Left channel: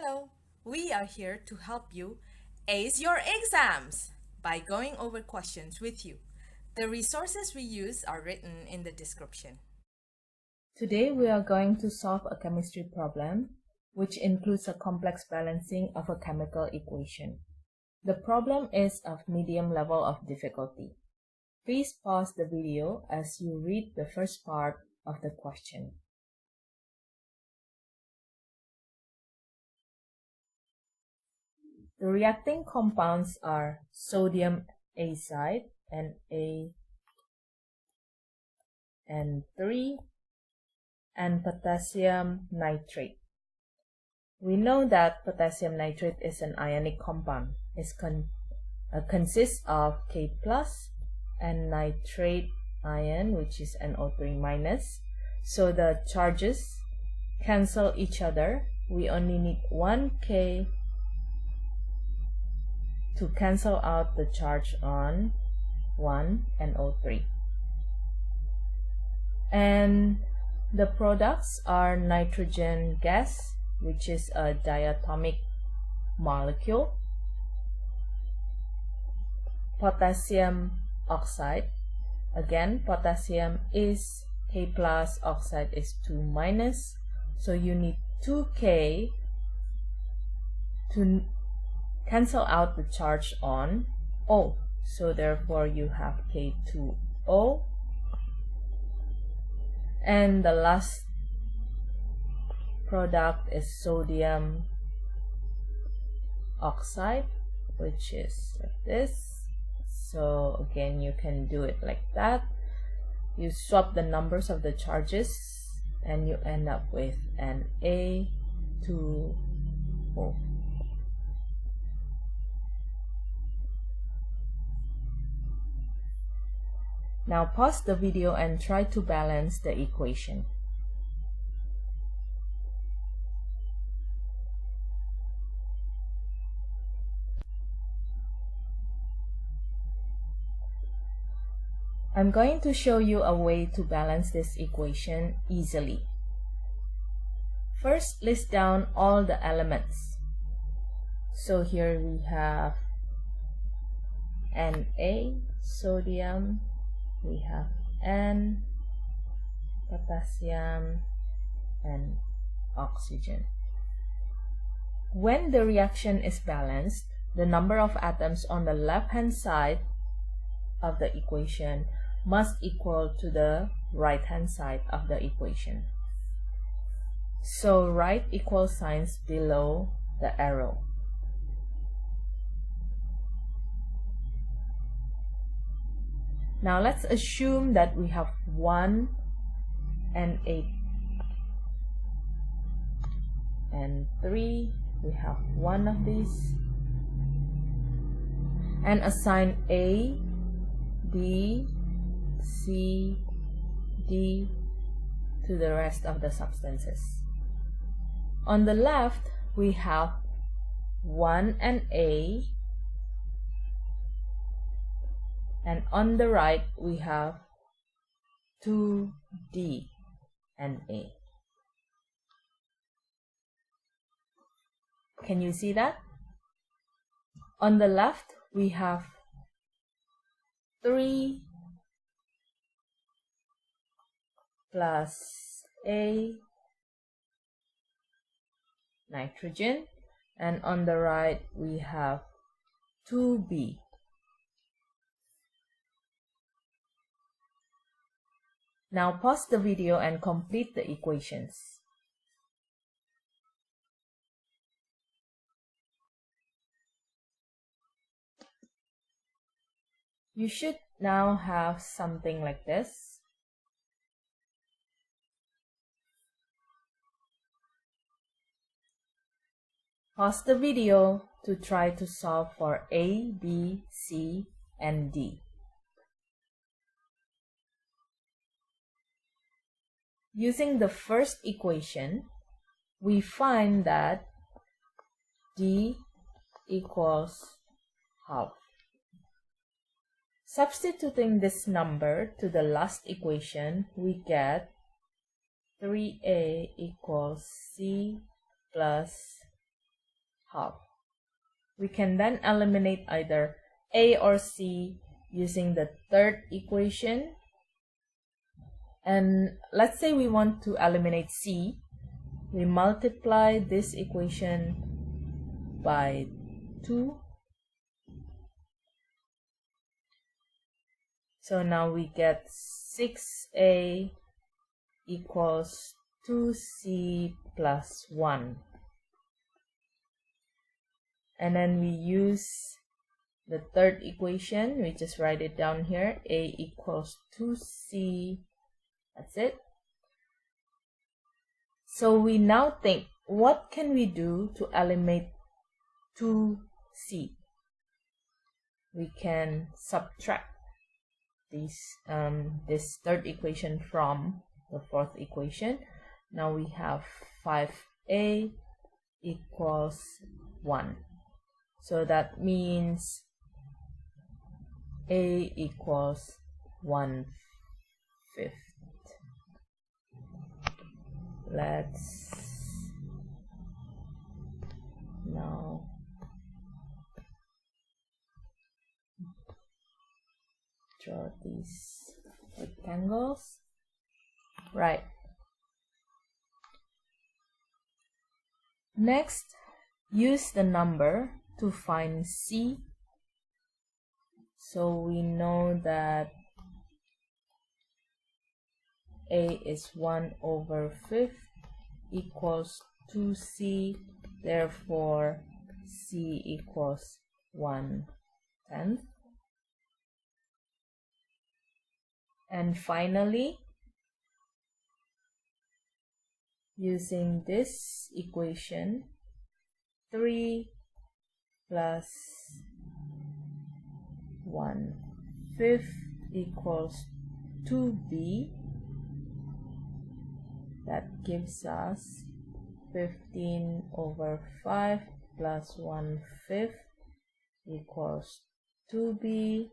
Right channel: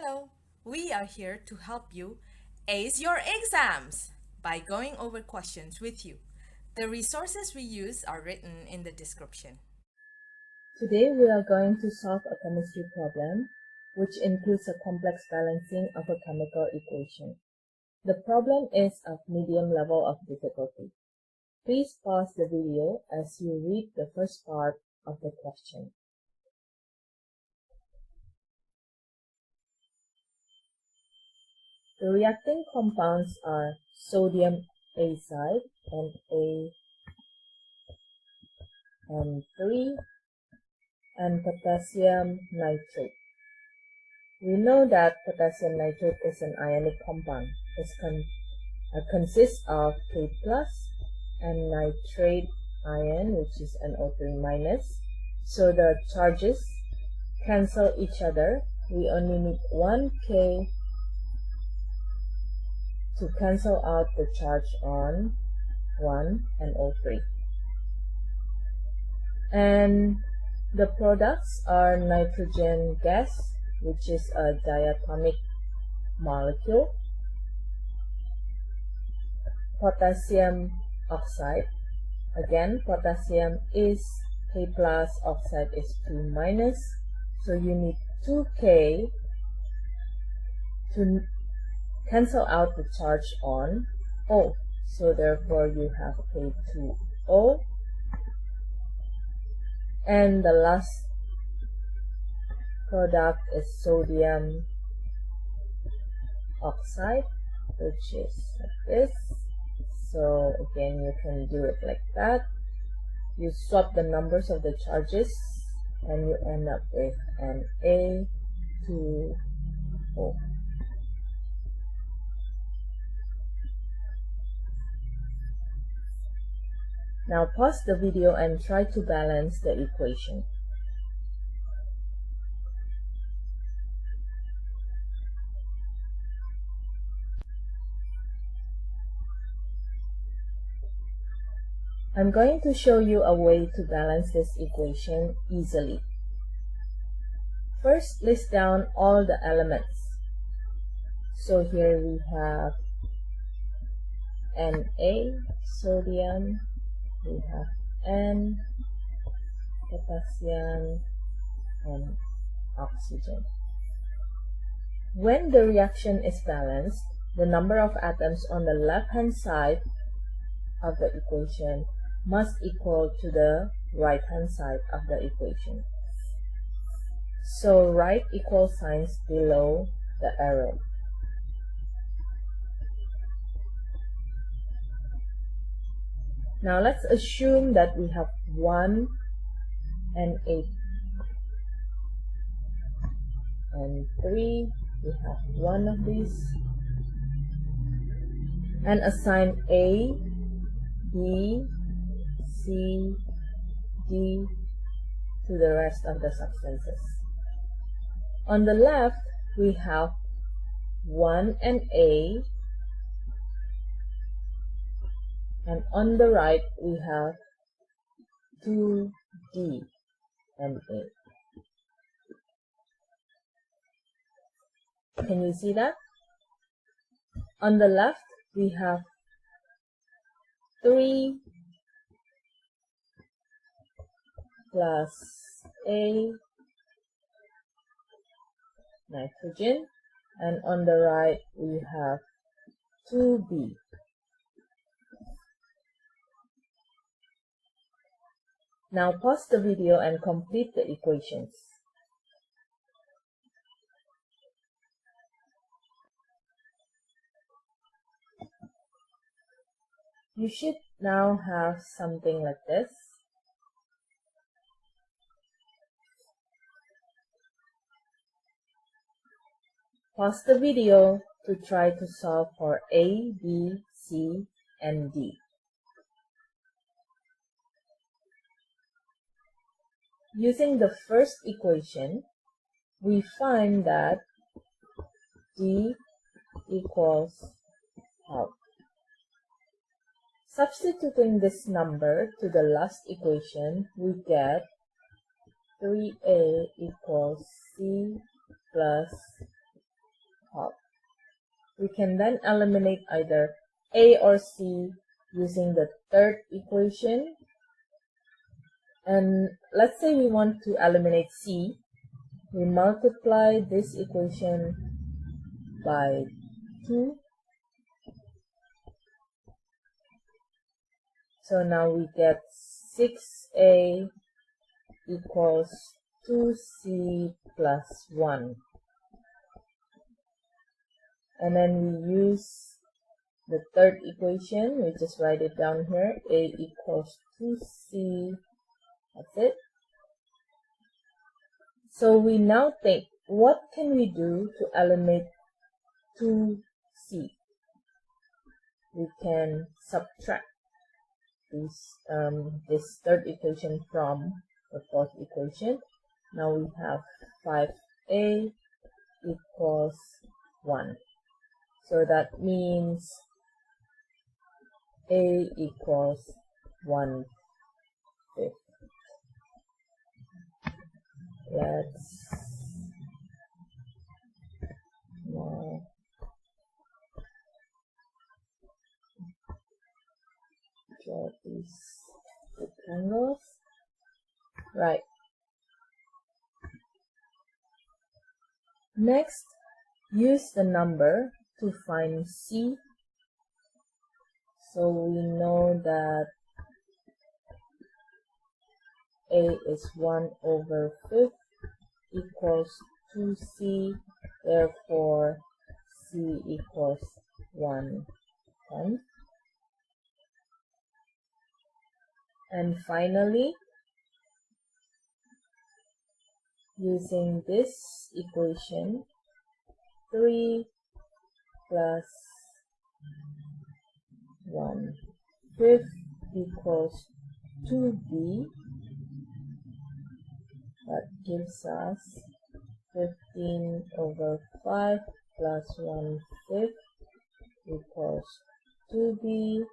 Hello, we are here to help you ace your exams by going over questions with you. The resources we use are written in the description. Today we are going to solve a chemistry problem which includes a complex balancing of a chemical equation. The problem is of medium level of difficulty. Please pause the video as you read the first part of the question. The reacting compounds are sodium azide, Na3, and potassium nitrate. We know that potassium nitrate is an ionic compound. It consists of K plus and nitrate ion, which is NO3 minus. So the charges cancel each other. We only need one K to cancel out the charge on 1 NO3. And the products are nitrogen gas, which is a diatomic molecule, potassium oxide. Again, potassium is K plus, oxide is 2 minus, so you need 2K to cancel out the charge on O. So therefore you have K2O. And the last product is sodium oxide, which is like this. So again, you can do it like that. You swap the numbers of the charges and you end up with an A2O. Now pause the video and try to balance the equation. I'm going to show you a way to balance this equation easily. First, list down all the elements. So here we have Na, sodium, we have N, potassium, and oxygen. When the reaction is balanced, the number of atoms on the left-hand side of the equation must equal to the right-hand side of the equation. So write equal signs below the arrow. Now let's assume that we have 1 and 8 and 3. We have one of these. And assign A, B, C, D to the rest of the substances. On the left, we have 1 and A, and on the right, we have 2D and A. Can you see that? On the left, we have 3 plus A, nitrogen, and on the right, we have 2B. Now pause the video and complete the equations. You should now have something like this. Pause the video to try to solve for A, B, C, and D. Using the first equation, we find that D equals half. Substituting this number to the last equation, we get 3A equals C plus half. We can then eliminate either A or C using the third equation. And let's say we want to eliminate C. We multiply this equation by 2. So now we get 6A equals 2C plus 1. And then we use the third equation. We just write it down here. A equals 2C. That's it. So we now think, what can we do to eliminate 2C? We can subtract this third equation from the fourth equation. Now we have 5A equals 1. So that means A equals 1/5. Let's now draw these rectangles. Right. Next, use the number to find C. So we know that A is 1/5 equals 2C. Therefore, C equals 1/10. And finally, using this equation, 3 plus 1/5 equals 2B. That gives us 15/5 plus 1/5 equals 2B.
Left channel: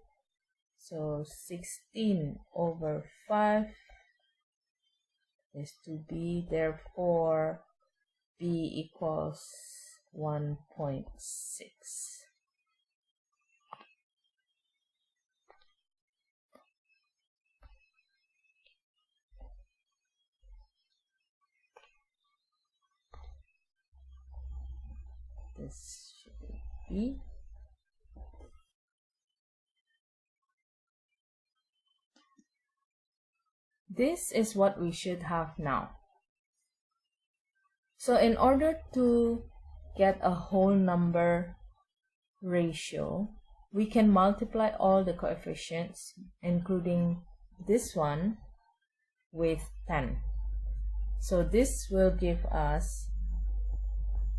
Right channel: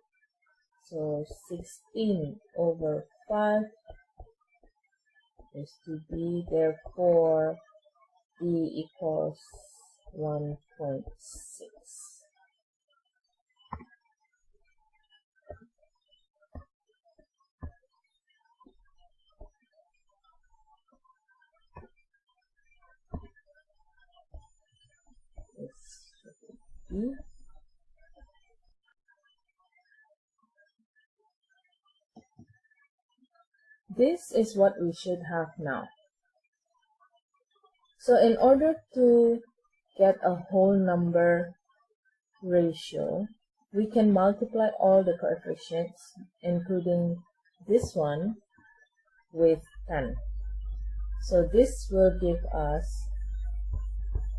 So 16/5 is 2B. Therefore, B equals 1.6. This should be B. This is what we should have now. So in order to get a whole number ratio, we can multiply all the coefficients, including this one, with 10. So this will give us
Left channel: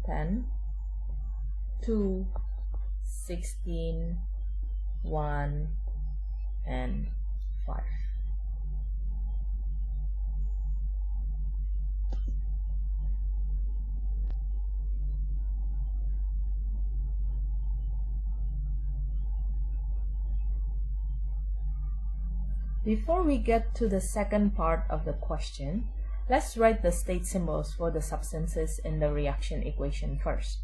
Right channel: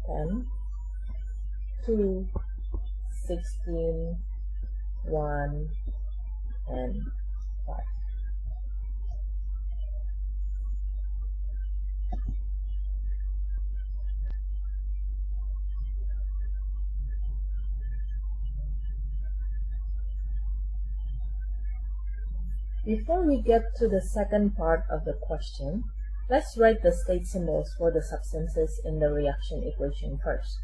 10, 2, 16, 1, and 5. Before we get to the second part of the question, let's write the state symbols for the substances in the reaction equation first.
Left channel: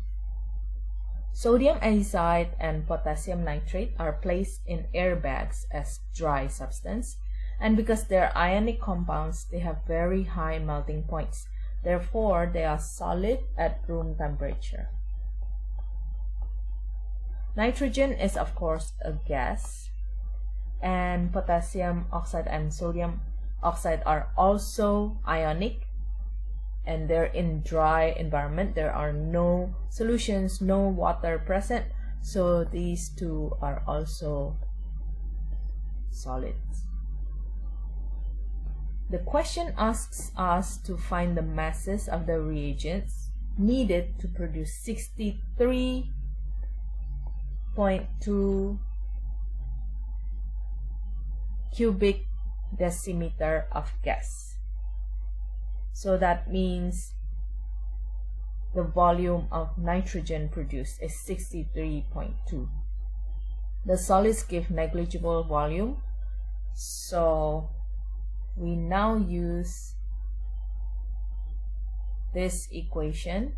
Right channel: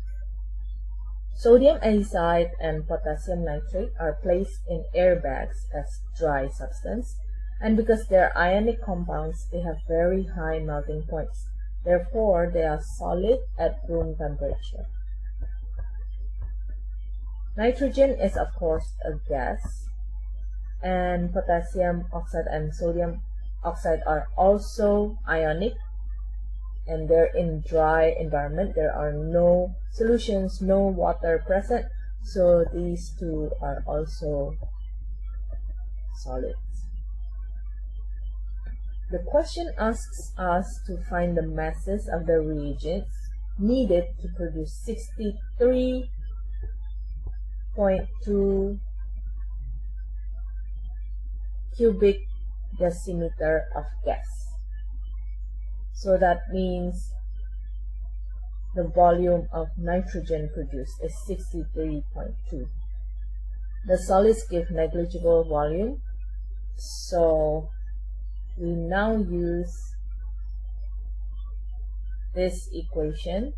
Sodium azide and potassium nitrate are placed in airbags as dry substance, and because they are ionic compounds, they have very high melting points. Therefore, they are solid at room temperature. Nitrogen is, of course, a gas, and potassium oxide and sodium oxide are also ionic, and they're in dry environment. There are no solutions, no water present, so these two are also solids. The question asks us to find the masses of the reagents needed to produce 63.2 cubic decimeter of gas. So that means the volume of nitrogen produced is 63.2. The solids give negligible volume, so we now use this equation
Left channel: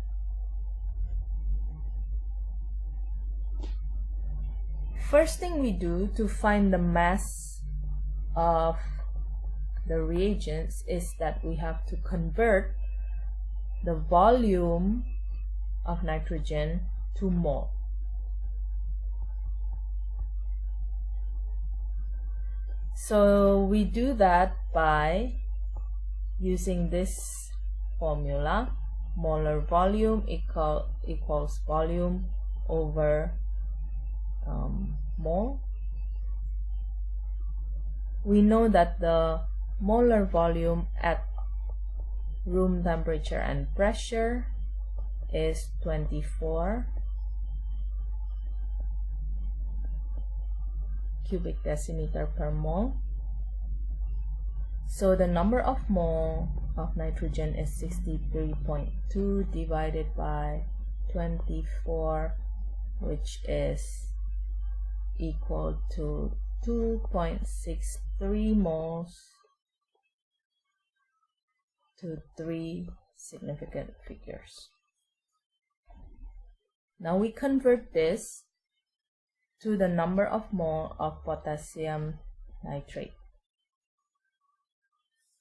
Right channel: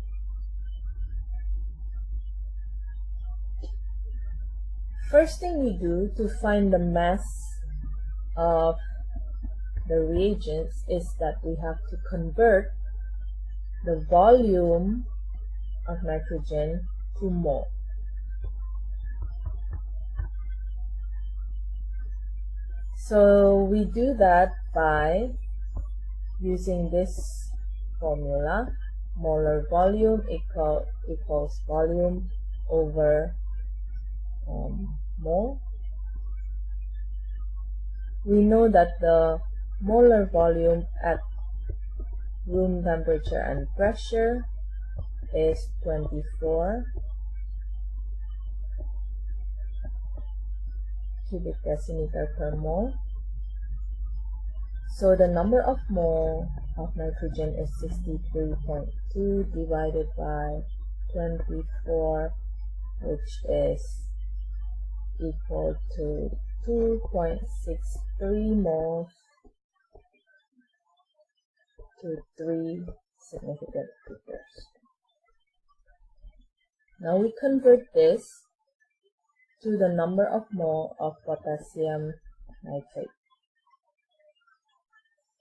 first thing we do to find the mass of the reagents is that we have to convert the volume of nitrogen to mole. So we do that by using this formula: molar volume equals volume over mole. We know that the molar volume at room temperature and pressure is 24 cubic decimeter per mole. So the number of mole of nitrogen is 63.2 divided by 24, which is equal to 2.63 moles to 3 significant figures. Now we convert this to the number of mole of potassium nitrate.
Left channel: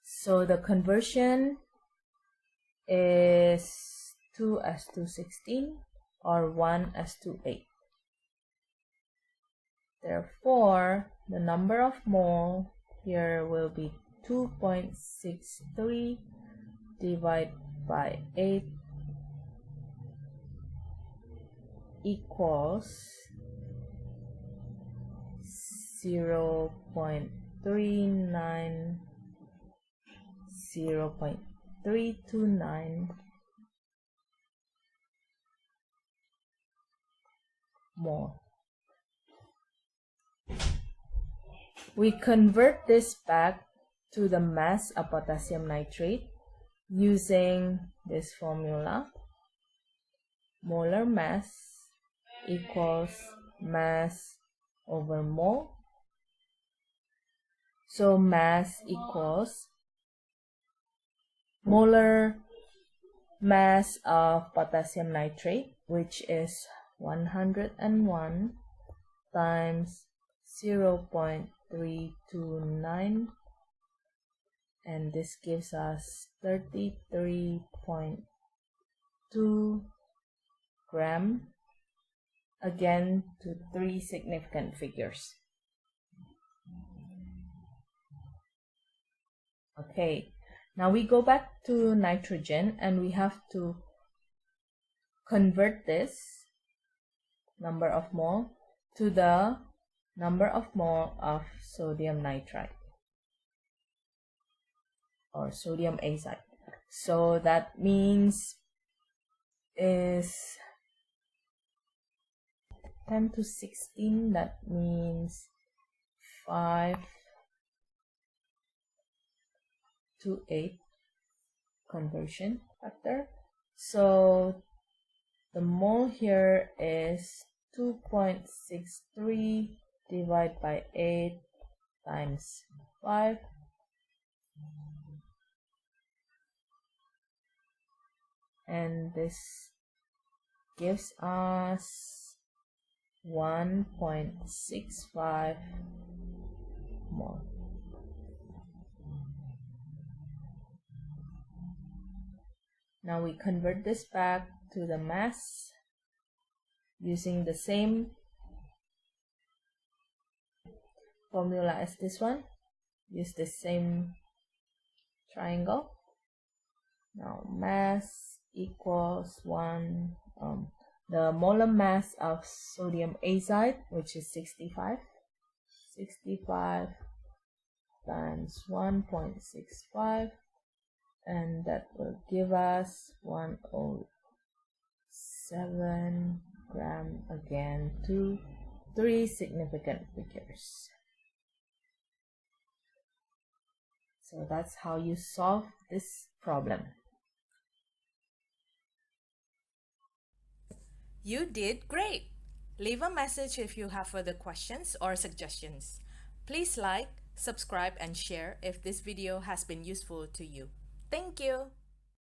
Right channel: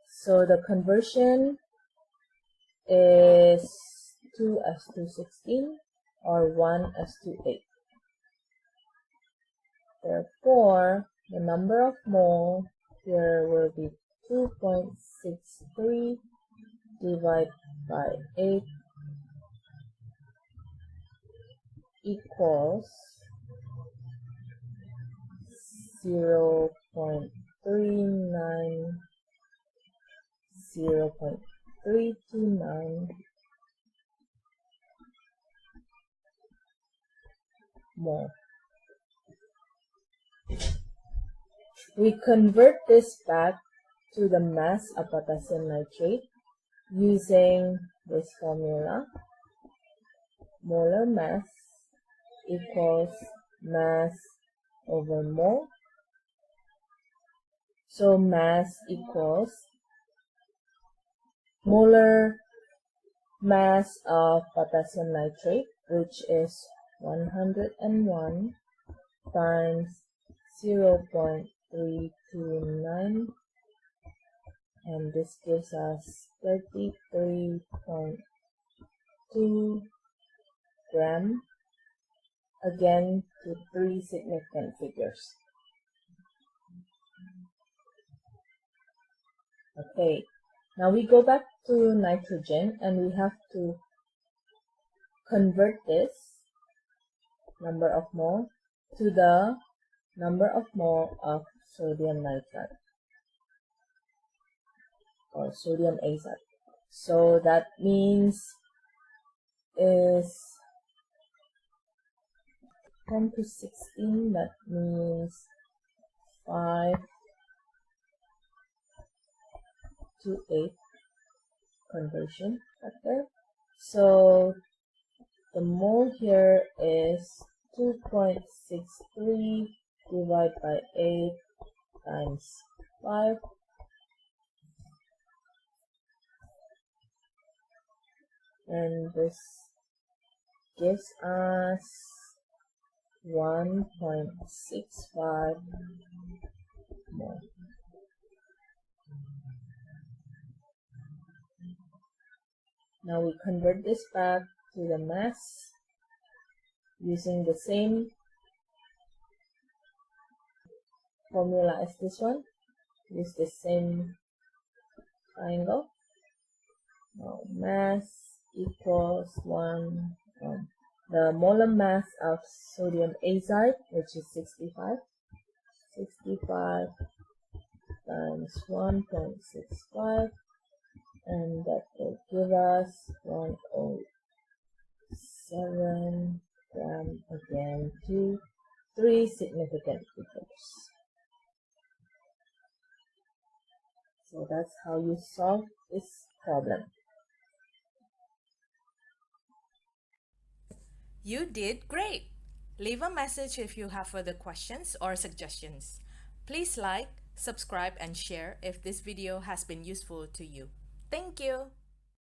So the conversion is 2:16 or 1:8. Therefore, the number of mole here will be 2.63 divided by 8 equals 0.329 mole. We convert this back to the mass of potassium nitrate using this formula: molar mass equals mass over mole. So mass equals molar mass of potassium nitrate, which is 101 times 0.329, and this gives us 33.2 gram, again to 3 significant figures. Okay, now we go back to nitrogen and we have to convert this number of mole to the number of mole of sodium nitrite or sodium azide. So that means is 10 to 16, that means 5 to 8 conversion factor. So the mole here is 2.63 divided by 8 times 5, and this gives us 1.65 mole. Now we convert this back to the mass using the same formula as this one. Use the same triangle. Now mass equals the molar mass of sodium azide, which is 65 times 1.65, and that will give us 107 gram, again to 3 significant figures. So that's how you solve this problem. You did great! Leave a message if you have further questions or suggestions. Please like, subscribe, and share if this video has been useful to you. Thank you!